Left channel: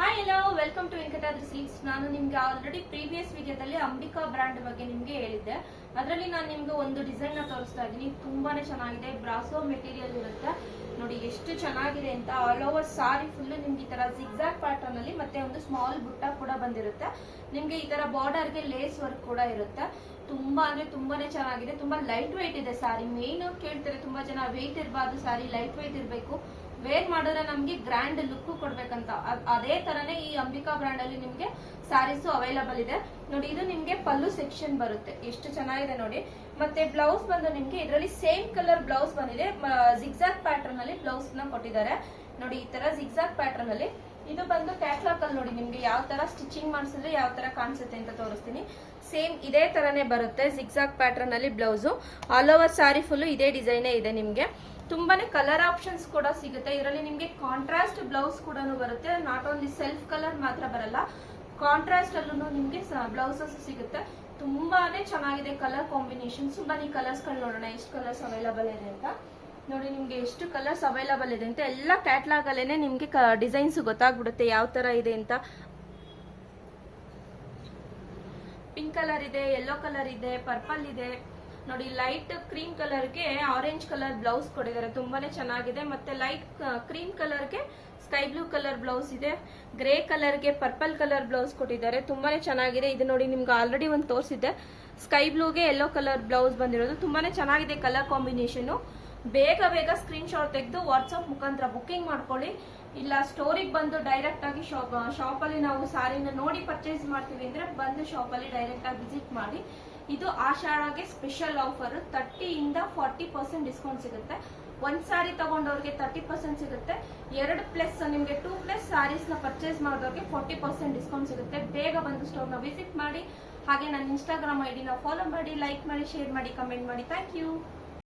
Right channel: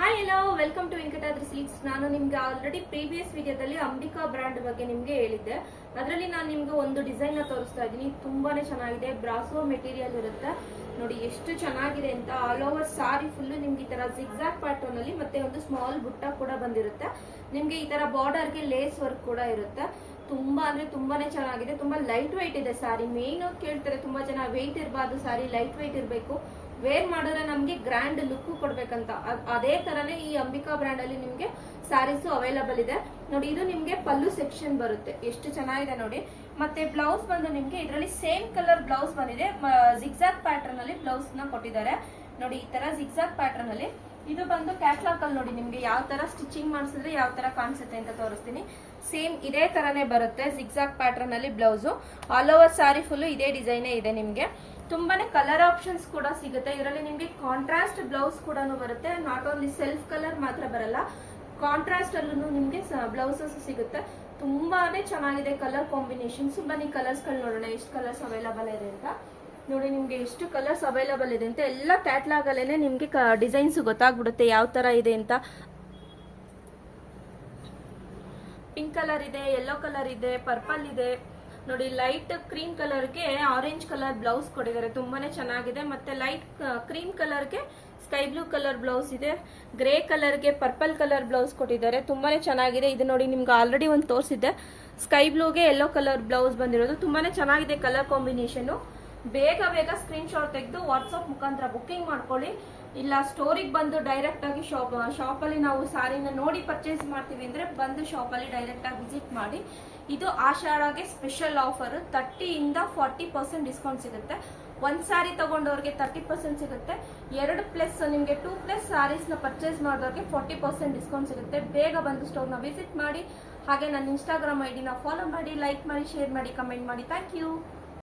Hi hello welcome to Venkatadri Silks. ನಾನು ನಿಮ್ಗೆ already previous ವಿಡಿಯೋದಲ್ಲಿ ಅಂಬಿಕಾ ಬ್ರ್ಯಾಂಡ್ ಬಗ್ಗೆ ನಿಮ್ಗೆ ಹೇಳಿದ್ದೆ. ಅದರಲ್ಲಿ ನಾನು ನಿಮ್ಗೆ ಒಂದು ಡಿಸೈನ್ ನ ತೋರಿಸ್ತಾ ಇದ್ದೀನಿ. ತುಂಬಾನೇ ಚೆನ್ನಾಗಿದೆ. ಬ್ರಾಸೋ ಮೆಟೀರಿಯಲ್ ಇರುತ್ತೆ ನೋಡಿ, ಎಷ್ಟು ಚೆನ್ನಾಗಿದೆ ಅಂತ. ಆಲ್ ಓವರ್ ಸಾರಿ ಫುಲ್ ನಿಮ್ಗೆ ಈ ತರ ಜಿಗ್ಜಾಗ್ ಪ್ಯಾಟರ್ನ್ ಅಲ್ಲಿ ಮತ್ತೆ ಒಂದು ಸ್ಮಾಲ್ ಬುಟ್ಟ ಕೂಡ ಬಂದಿರುತ್ತೆ. ನಿಮ್ಗೆ ಈ ತರ ಬಾರ್ಡರ್ ಗೆ ಲೇಸ್ ವರ್ಕ್ ಕೂಡ ಇರುತ್ತೆ. ತುಂಬಾ ಅಂದ್ರೆ ತುಂಬಾನೇ ಚೆನ್ನಾಗಿದೆ. ತುಂಬಾ ಲೈಟ್ ವೆಯ್ಟ್ ಇದೆ ಸಾರಿ. ಮೇನ್ ಕೇಳ್ತಾರೆ ತುಂಬಾ ಜನ, ವೆಯ್ಟ್ ಇರಬಾರ್ದು ಸಾರಿ, ಲೈಟ್ ವೆಯ್ಟ್ ಇರಬೇಕು, ವೇರ್ ಮಾಡಿದ್ರೆ ನಮ್ಗೆ ಗ್ರ್ಯಾಂಡ್ ಲುಕ್ ಕೊಡ್ಬೇಕಂತ. ಅದೇ ತರನೇ ಈ ಅಂಬಿಕಾ ಬ್ರ್ಯಾಂಡ್ ಅಲ್ಲಿ ನಿಮ್ಗೆ ಸ್ಯಾರೀಸ್ ಅವೈಲಬಲ್ ಇದೆ ನೋಡಿ. ಇದು ನಿಮ್ಗೆ ಪಲ್ಲು ಸೆಕ್ಷನ್ ಬರುತ್ತೆ, ಎಷ್ಟು ಚೆನ್ನಾಗಿದೆ ನೋಡಿ. ಮತ್ತೆ ಬ್ಲೌಸ್ ಬಂದು ನಿಮ್ಗೆ ಇದರಲ್ಲಿ ಸೇಮ್ ಕಲರ್ ಬ್ಲೌಸ್ ಬಂದಿದೆ. ಜಿಗ್ಜಾಗ್ ಪ್ಯಾಟರ್ನ್ ಅಲ್ಲಿ ಬ್ಲೌಸ್ ನ ಕೊಟ್ಟಿದ್ದಾರೆ ನೋಡಿ. ಈ ತರ ಜಿಗ್ಜಾಗ್ ಪ್ಯಾಟರ್ನ್ ಅಲ್ಲಿ ಇದು ಬಂದು ಕ್ಯಾಟ್ಲಾಗ್ ಅಲ್ಲಿ ನೋಡಿ, ನಿಮ್ಗೆ ಯಾವ ತರ ಸ್ಟಿಚಿಂಗ್ ಮಾಡಿಸಿದ್ರೆ ಯಾವ ತರ ಕಾಣಿಸುತ್ತೆ ಅಂತ ತೋರಿಸ್ತೀನಿ. ಸೇಮ್ ಇದೇ ತರನೇ ಬರುತ್ತೆ ಜಿಗ್ಜಾಗ್ ಪ್ಯಾಟರ್ನ್ ಅಲ್ಲಿ ಬ್ಲೌಸ್. ಆಲ್ ಓವರ್ ಸಾರಿ ಫುಲ್ ಇದೇ ಡಿಸೈನ್ ಇದೆ ನಿಮ್ಗೆ. ತುಂಬಾನೇ ಕಲರ್ ಆಪ್ಷನ್ಸ್ ಕೂಡ ಸಿಗುತ್ತೆ ಇದರಲ್ಲಿ. ನಿಮ್ಗೆ ಕಾಂಟ್ರಾಸ್ಟ್ ಬ್ಲೌಸ್ ಕೂಡ ಬರುತ್ತೆ. ನಾಟ್ ಓನ್ಲಿ ಸೆಲ್ಫ್ ಕಲರ್ ಮಾತ್ರ ಬರಲ್ಲ, ಕಾಂಟ್ರಾಸ್ಟ್ ಅಲ್ಲೂ ನಿಮ್ಗೆ ಬ್ಲೌಸಸ್ ಸಿಗುತ್ತೆ. ತುಂಬಾನೇ ಚೆನ್ನಾಗಿದೆ ಕಲರ್ ಕಾಂಬಿನೇಷನ್ಸ್. ಬನ್ನಿ ಕಲರ್ಸ್ ಗಳು ನೋಡೋಣ, ಎಷ್ಟು ಕಲರ್ಸ್ ಅವೈಲಬಲ್ ಇದೆ ಅಂತ ನೋಡಿ. ನಿಮ್ಗೆ ಎಷ್ಟು ಕಲರ್ಸ್ ಅವೈಲಬಲ್ ಇದೆ ಅಂತ ಎಲ್ಲ ಕ್ಯಾಟ್ಲಾಗ್ ಅಲ್ಲೇನೆ ನಿಮ್ಗೆ ಡಿಸೈನ್ಸ್ ಗೊತ್ತಾಗ್ಬಿಡುತ್ತೆ ಯಾವ ತರ ಇದೆ ಅಂತ. ಪಿಂಕ್ ಕಲರ್ ಇದೆ, ಯೆಲ್ಲೋ ಕಲರ್ ಇದೆ, ಪರ್ಪಲ್ ಇದೆ ನೋಡಿ. ಲೈಟ್ ಕ್ರೀಮ್ ಕಲರ್ಗೆ ಆರೆಂಜ್ ಕಲರ್ ಬ್ಲೌಸ್ ಕೊಟ್ಟಿದ್ದಾರೆ, ತುಂಬಾನೇ ಚೆನ್ನಾಗಿದೆ. ಮತ್ತೆ ಲೈಟ್ ಕ್ರೀಮ್ ಕಲರ್ಗೆ ಸ್ಕೈ ಬ್ಲೂ ಕಲರ್ ಬ್ಲೌಸ್ ಇದೆ. ಗ್ರೇ ಕಲರ್ಗೆ ಪರ್ಪಲ್ ಕಲರ್ ಬ್ಲೌಸ್ ಕೊಟ್ಟಿದ್ದಾರೆ, ತುಂಬಾನೇ ಚೆನ್ನಾಗಿದೆ. ಇದು ನೋಡಿ, ನಿಮ್ಗೆ ಆಲ್ರೆಡಿ ಒಂದು ತೋರಿಸಿದ್ದೆ. ಸ್ಕೈ ಬ್ಲೂಗೆ ಯೆಲ್ಲೋ ಕಲರ್ ಬ್ಲೌಸ್ ಬಂದಿರೋದು, ತುಂಬಾನೇ ಚೆನ್ನಾಗಿದೆ ಕಲರ್ ಕಾಂಬಿನೇಷನ್. ಬೇಗ ಬೇಗ ಸ್ಕ್ರೀನ್ ಶಾಟ್ ತೆಗೆದು ವಾಟ್ಸ್ಆಪ್ ಮುಖಾಂತರ ಬುಕ್ಕಿಂಗ್ ಮಾಡ್ಕೊಳ್ಳಿ. ಇಲ್ಲ ಸ್ಟೋರಿಗೆ ಬಂದು ಡೈರೆಕ್ಟ್ ಆಗಿ ಶಾಪ್ ಅಲ್ಲಿ ನಾವು ಸಾರಿನ ನೋಡಿ ಪರ್ಚೇಸ್ ಮಾಡ್ತೀವಿ ಅಂದ್ರೆ ಬಂದು ಶಾಪ್ ಅಲ್ಲಿ ಡೈರೆಕ್ಟ್ ಆಗಿ ವಿಸಿಟ್ ಮಾಡಿ. ಇದು ಆಷಾಢಗೆ ಸ್ಪೆಷಲ್ ಆಫರ್, 30 ಇಂದ 40% ಡಿಸ್ಕೌಂಟ್ ಸಿಗುತ್ತೆ. ಒಂದ್ ಸಾರಿ ತಗೊಂಡವ್ರಿಗೆ 30% ಸಿಗುತ್ತೆ. 2+ ನಿಮ್ಗೆ 2+ ಸಾರೀಸ್ ನ ಪರ್ಚೇಸ್ ಮಾಡೋರಿಗೆ 40% ಡಿಸ್ಕೌಂಟ್ ಸಿಗುತ್ತೆ. ಬೇಗ ಬಂದು ಸ್ಟೋರ್ ನ ವಿಸಿಟ್ ಮಾಡಿ. ಹಾಗೆ ನನ್ನ ಇನ್ಸ್ಟಾಗ್ರಾಮ್ ID ನ ಫಾಲೋ ಮಾಡಿ, ಲೈಕ್ ಮಾಡಿ, ಶೇರ್ ಮಾಡಿ, ಕಮೆಂಟ್ ಮಾಡಿ. Thank you.